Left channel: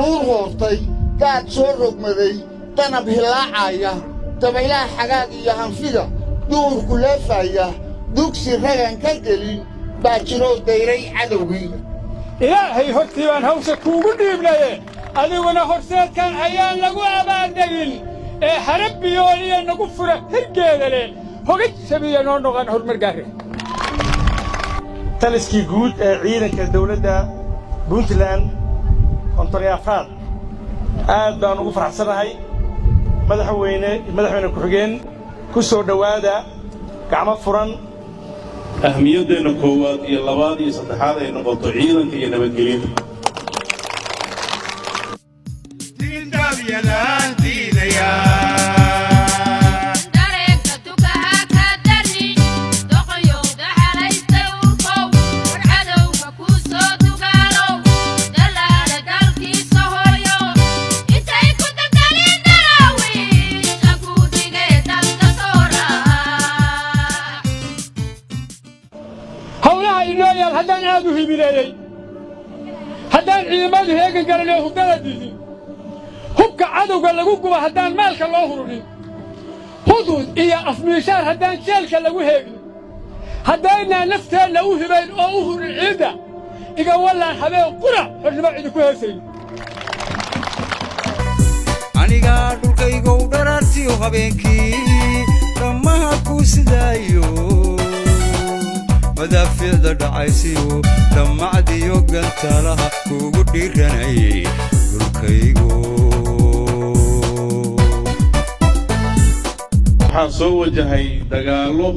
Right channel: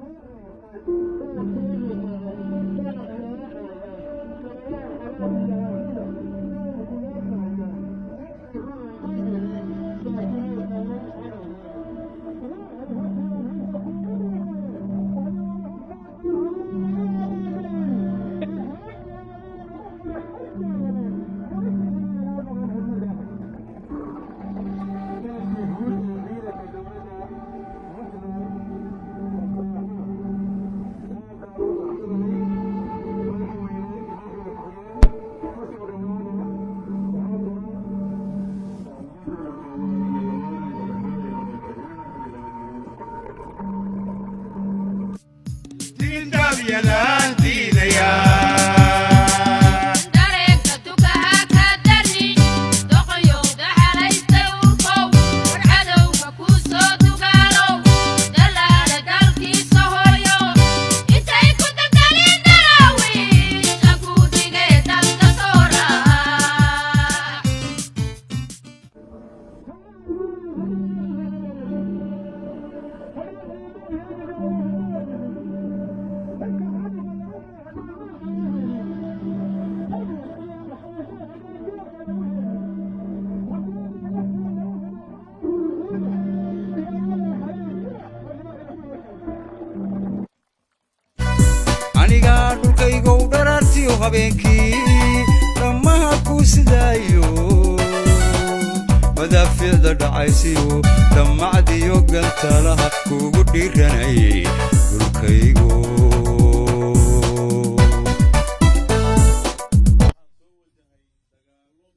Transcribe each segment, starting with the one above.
daruur hoortay daad soo rogmaday danab hilaacaya dabaylaha xagaag iyo hanfida duurku leefaya dugsi ragan ka gelin baa jiroo dayray cadowgii ilaahay hortii baan hawsha kuugu dhiibnaye adiguna horseedkan hayaan lagu abaaldegin ee harabbiyooniya nagu fura hirgeeda leh hogay sabiya noo noqon horumar gaare taliskii guud ee ciidanka dawladda puntland kontoryaafraad aad baan ugu faraxsanahay madaxweyne ku-xigeen ku soo dhowaada gacmo furan ahmiyaddeena koowaad iyo labaad iyo saddexaad ay noqoto ciidanka iyo nabadgelyada haddaan aad u himileeyey haddaan ciidamadu heegan galanoo hubdada diidin hubka cadowga lagu guba haddaan maalka loo hurunin hudud iyo afmiishaar haddaan jeelka lagu heegin haddaynaa nafteenna u hibayn oo u hurin ciidda iga wallaan habeen qura xornimo idinku heesayn anigaa dhulkaygow dharaartiyo habeenkii dhammaha kuu sidaayo madaafiicda dhacaysiyo dhammacdiyo gantalaha kuugu dhiiranayay dhulkaygo waxaa soo wajahay dagaallo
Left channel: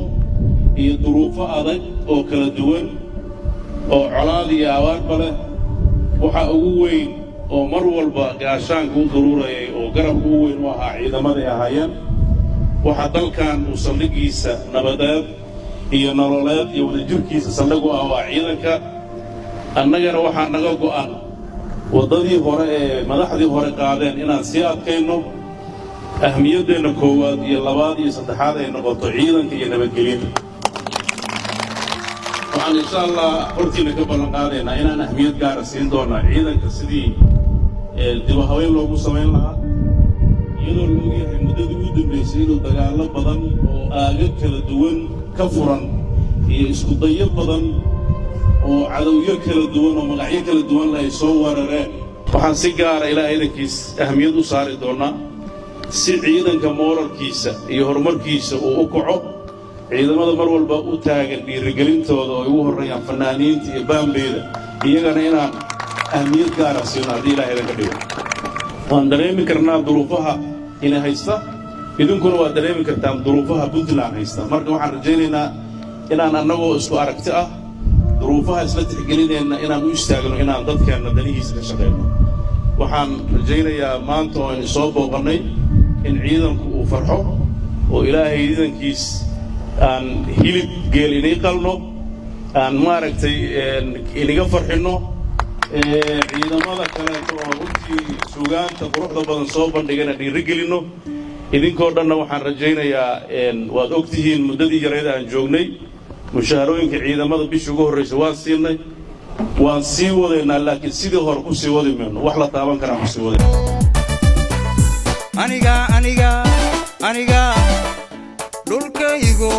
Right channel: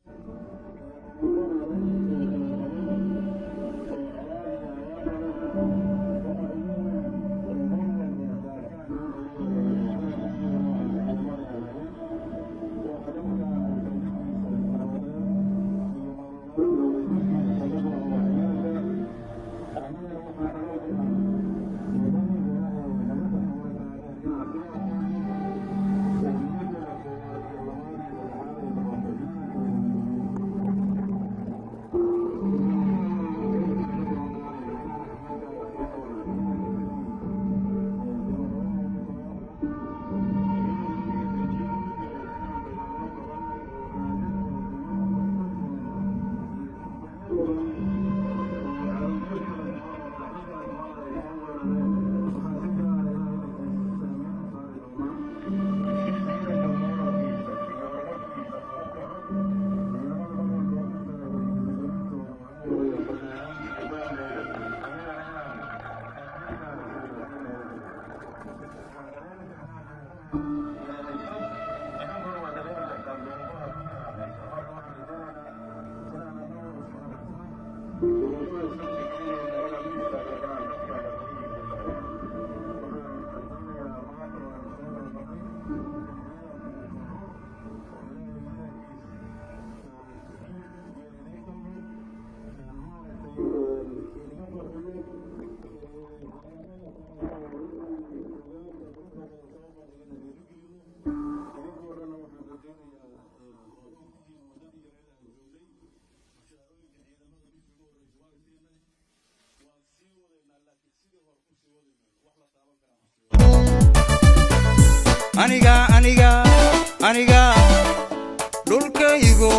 iyo duruufo adag oo kala duwan oo colaad iyo abaarba leh waxaa ugu weyn oo mar walba gaashaanka u daruurayay oo garabka ugu weyn u ahaa ciidamaday ahaayeen waxaa dalkan uu saldhiggiisa nabadeed iyo nololeed iyo wadajirkiisa saldhig u ah waa ciidanka annagana waxaa naga go'an waddadii hore ee madaxdii hore qaadeen inaan sii adkayno ahmiyaddeenna koowaad iyo labaad iyo saddexaad ay noqoto ciidanka iyo nabadgelyada waxaan insha allah hortiina ka ballan qaadaynaa inaan ahmiyad gaara siin doonaa ciidanka sidii dibu haweyn loogu samayn lahaa iyadoo la ogyahay muddadii ugu dambaysay inuu dagaallo badan oo aaga kala duwan ka furan iyo isku dayo badan oo cadowyo kala duwan oo magacyo kala duwan ay soo weerareen waxaan si gaara ilaahay idankiis ahmiyad u saari doonaa si ciidanka mooralkiisa iyo horumarkiisa uu u kaco ciidamada mar walba u taagan dhiirigelintooda oo ay ugu horreeyaan fanaaniinta iyo baambeeda iyagana inaan ahmiyad gaara siino haddii ilaahay idanka dhigo waan dareemi karnaa duruufaha ina haysta idinkuna waad dareemi kartaan duruufaha puntland haysta marka waxaan rajaynaynaa inaan annagoo isku aragti ah duruufaha isla tixgelinayna inaan u istaagno inaan dadkeenna danihiisa ka shaqayno waxaan rajaynayaa maanta oo aynu soo booqannay in ciidanku uu farxo oo ilaahay ciidankiis aan hilib geel inay qalno aan maaragtay iniga farxinno ciidamada kaleeto oo runtii suugaanta quruxda badan soo bandhigana dhiirigelinno idinkoo dhanna waxaan rajaynayaa waad og tihiin muddadii yareed aan joognay mushaharooyinka ciidamada bishii ugu horraysa waan siinay waan sii wadaynaa laakiin sidii hore ku sii wadi mayno wax la taaban karaan ku sii wadayna aniga dhulkaygo